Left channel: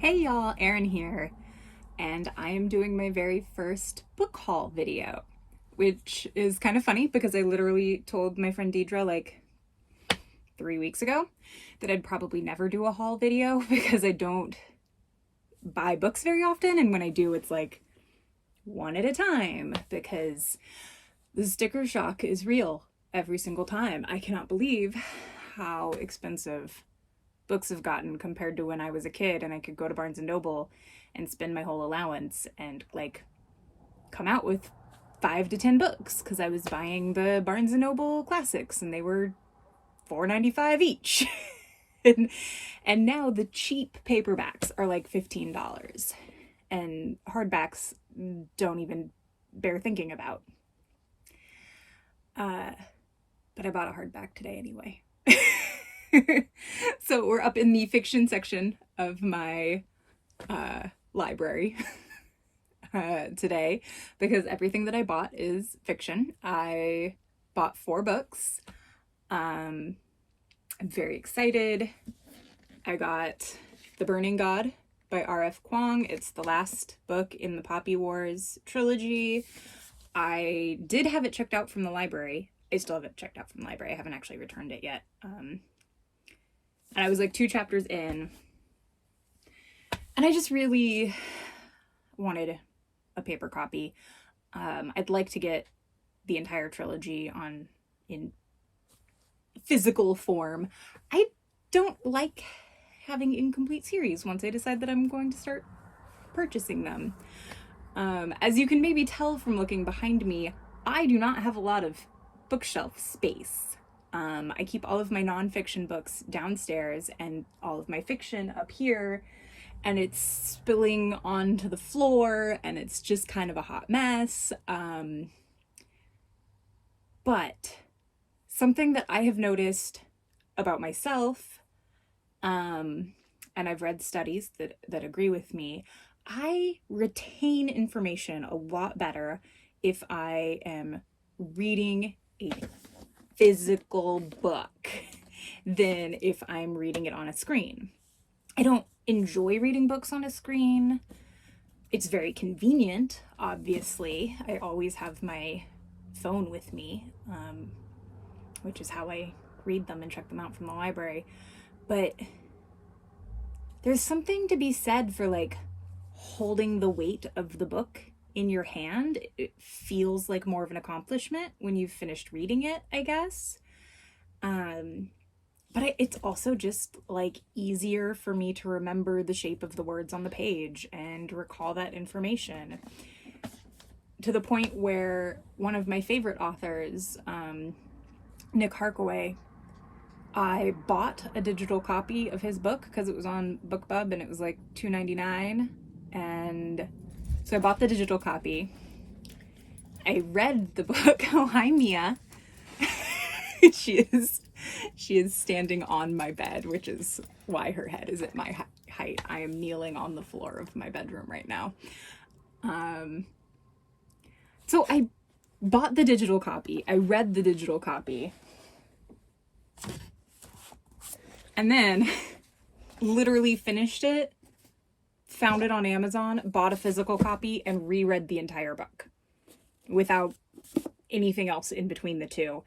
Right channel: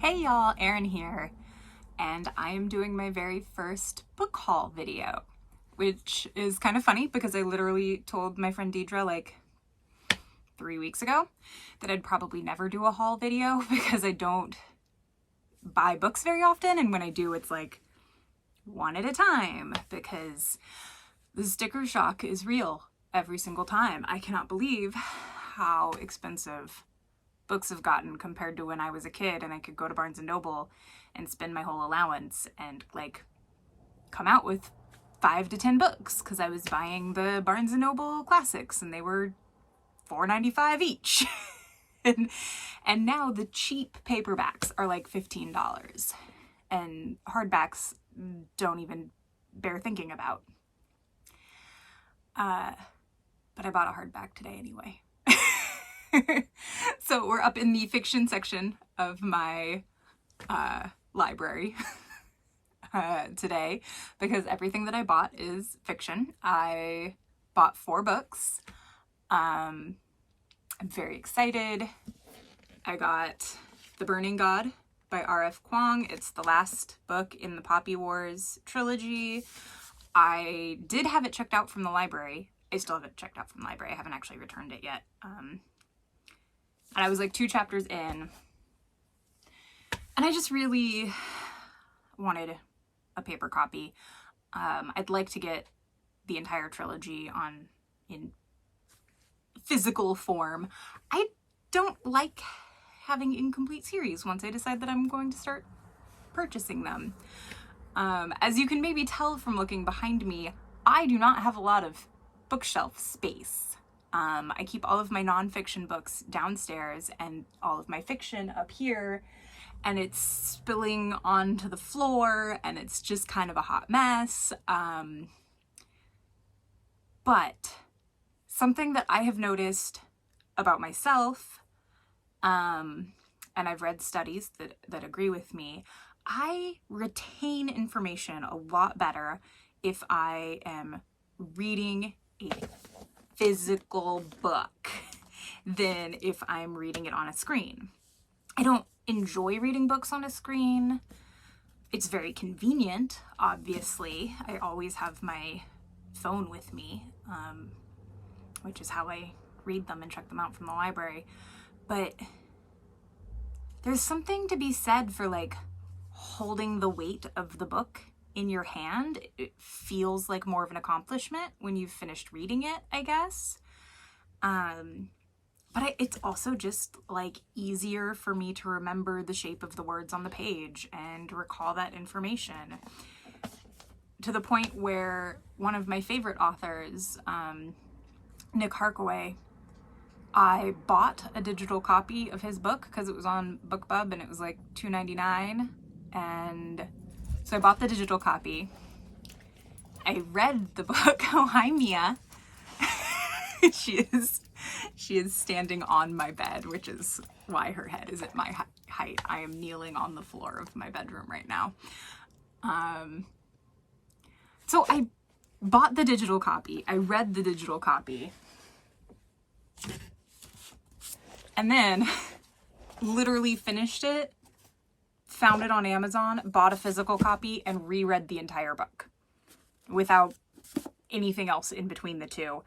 Hey y'all, Erin here, and I am doing my very first book haul video, which is kind of funny because I literally told my friend Deidre like 3 weeks ago that I'd probably never do a haul video because I don't buy books very often, and when I do, it's like one at a time because the sticker shock is real every single time. I cannot believe how expensive books have gotten compared to when I was a kid and I could go to Barnes & Noble and spend my whole allowance and like come out with 5 to 10 books because I was buying the Barnes & Noble classics and they were $4.95 each. and now the cheap paperbacks are like $15 and hardbacks don't even bear thinking about. But I bought a hardback today anyway. So we're up in the fiction section of my library today because everything that I bought is fiction. I bought 4 books. I'm very excited. I got The Burning God by R.F. Kuang. It's the last book in the Poppy Wars trilogy. I did have it checked out from the library. I still have it checked out from the library. I haven't actually returned it yet. And I was like 2 chapters in, and I just really wanted a paper copy. I'd like to get the entire trilogy in physical form. I don't like having incomplete series once I decide that I'm going to start purchasing them. As you can maybe tell from looking behind me, I do not have a lot of bookshelf space. I keep all of my nonfiction books downstairs and all of my fiction up here, and it's spilling onto the floor and it's just kind of a hot mess. But something that I have noticed about myself, and I've read studies that agree with me, I retain information a lot better if I am reading a physical book than if I'm reading it on a screen. I don't enjoy reading books on a screen. It's very convenient, obviously. I always have my phone with me, which is how I read them and check them out from the library. But there's something to be said for like holding the weight of the book in your hand. It feels like more of an accomplishment when you've finished reading it, I guess. But it's also just like easier for me to remember the shape of the words on the page and recall that information, to the point where one of my favorite authors, Nick Haraway, I bought a digital copy of his book because it was on BookBub and it was like $2.99, and so I bought the digital copy. I read the book. Oh, hi, Mia. She is standing on my bed, which is why her head is at my height. I am kneeling on the floor of my bedroom right now. So I bought the digital copy. I read the digital copy. And then literally finished it, found it on Amazon, bought a physical copy, and reread the entire book without anything else in between the two,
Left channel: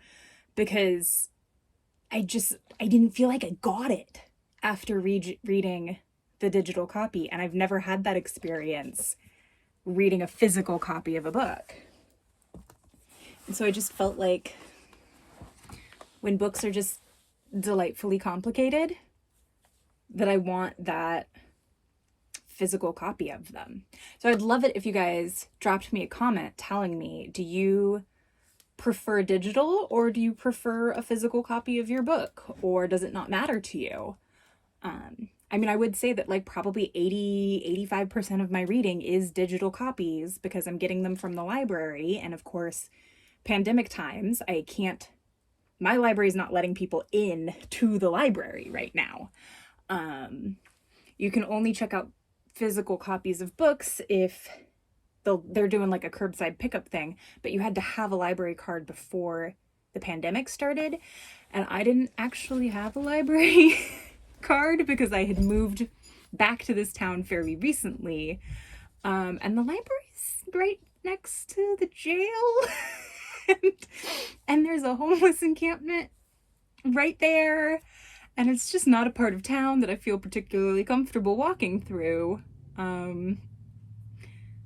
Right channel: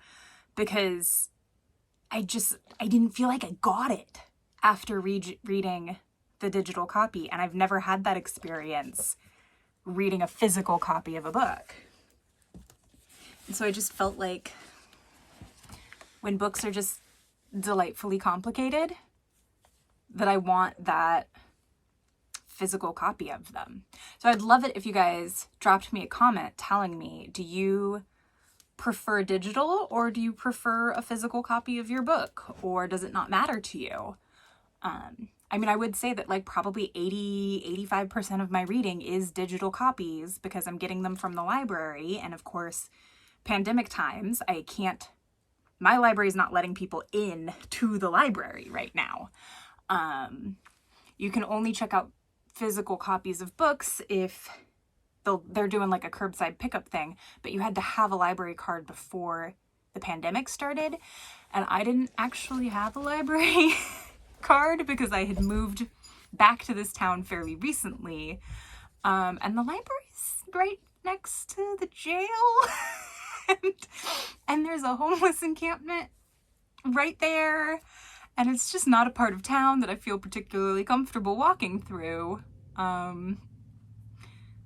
because I didn't feel like I got it after reading the digital copy, and I've never had that experience reading a physical copy of a book. And so I just felt like when books are just delightfully complicated, that I want that physical copy of them. So I'd love it if you guys dropped me a comment telling me, do you prefer digital or do you prefer a physical copy of your book, or does it not matter to you? I mean, I would say that like probably 85% of my reading is digital copies because I'm getting them from the library, and of course pandemic times my library is not letting people in to the library right now. You can only check out physical copies of books if they're doing like a curbside pickup thing, but you had to have a library card before the pandemic started, and I didn't actually have a library card because I had moved back to this town fairly recently. And the library's right next to the jail. and there's a homeless encampment right there. And it's just not a part of town that I feel particularly comfortable walking through.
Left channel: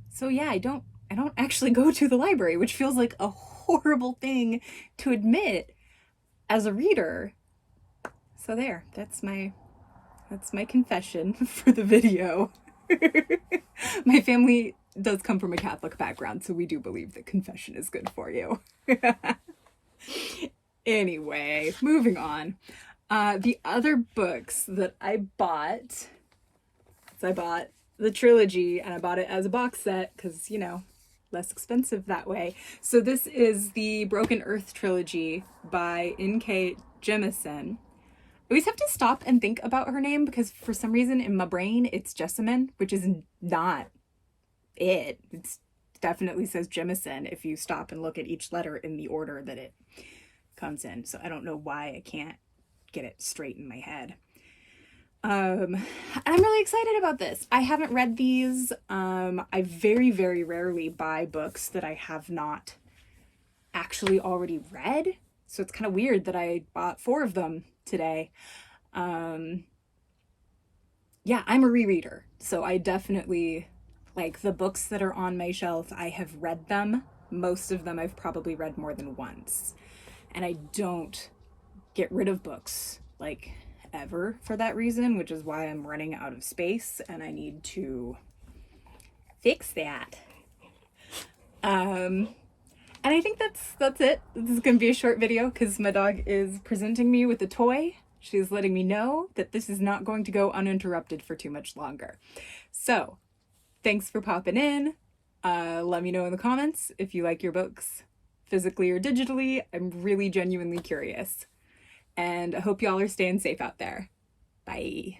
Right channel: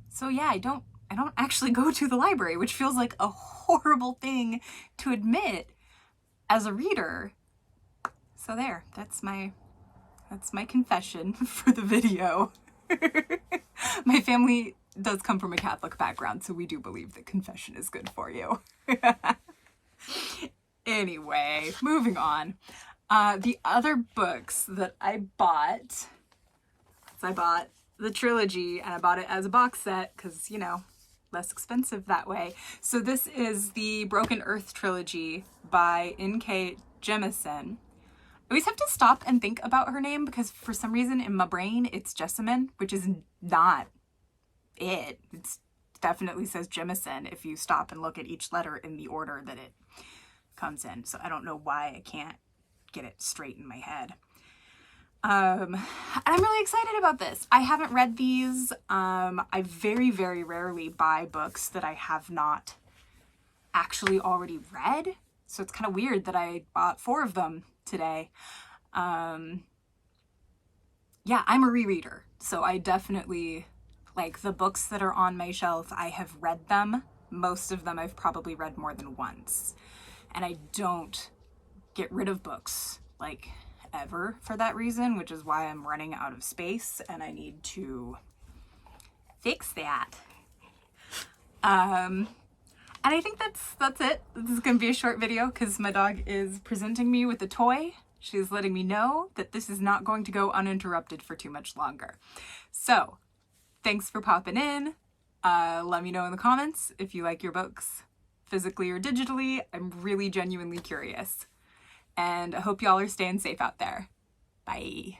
So yeah, I don't actually go to the library, which feels like a horrible thing to admit as a reader. So there, that's my confession for the video. My family does come from a Catholic background, so we do believe that confession is good for you. Anyway, moving on. The other books that I bought the Trilogy, and I bought it as a box set because, you know, less expensive that way. So this is the Broken Earth Trilogy by N.K. Jemisin. I always have to stop and think about her name because for some reason in my brain it's Jessamine, which is not it. It definitely says Jemisin if you stop and look at each letter in the order that it comes in. So I don't know why I can't get it straight in my head. And I'm really excited about this. I haven't read these. I very, very rarely buy books that I have not actually already read. So it's kind of weird that I bought 4 of them today. Yeah, I'm a rereader. So I definitely, like, the books that are on my shelf, I have read them. Most of them I've probably read more than once. And I don't get rid of books, like, ever for that reason, which is why I'm running out of space and I need to fix that. And I think that's it. This is gonna be a short video because my dog is presenting me with a toy. She's letting me know that this is not going to go uninterrupted for too much longer. So thanks for popping in. Let me know in the comments if you like your books physically or digitally. I'm really genuinely curious. And I hope y'all are staying safe out there. Bye.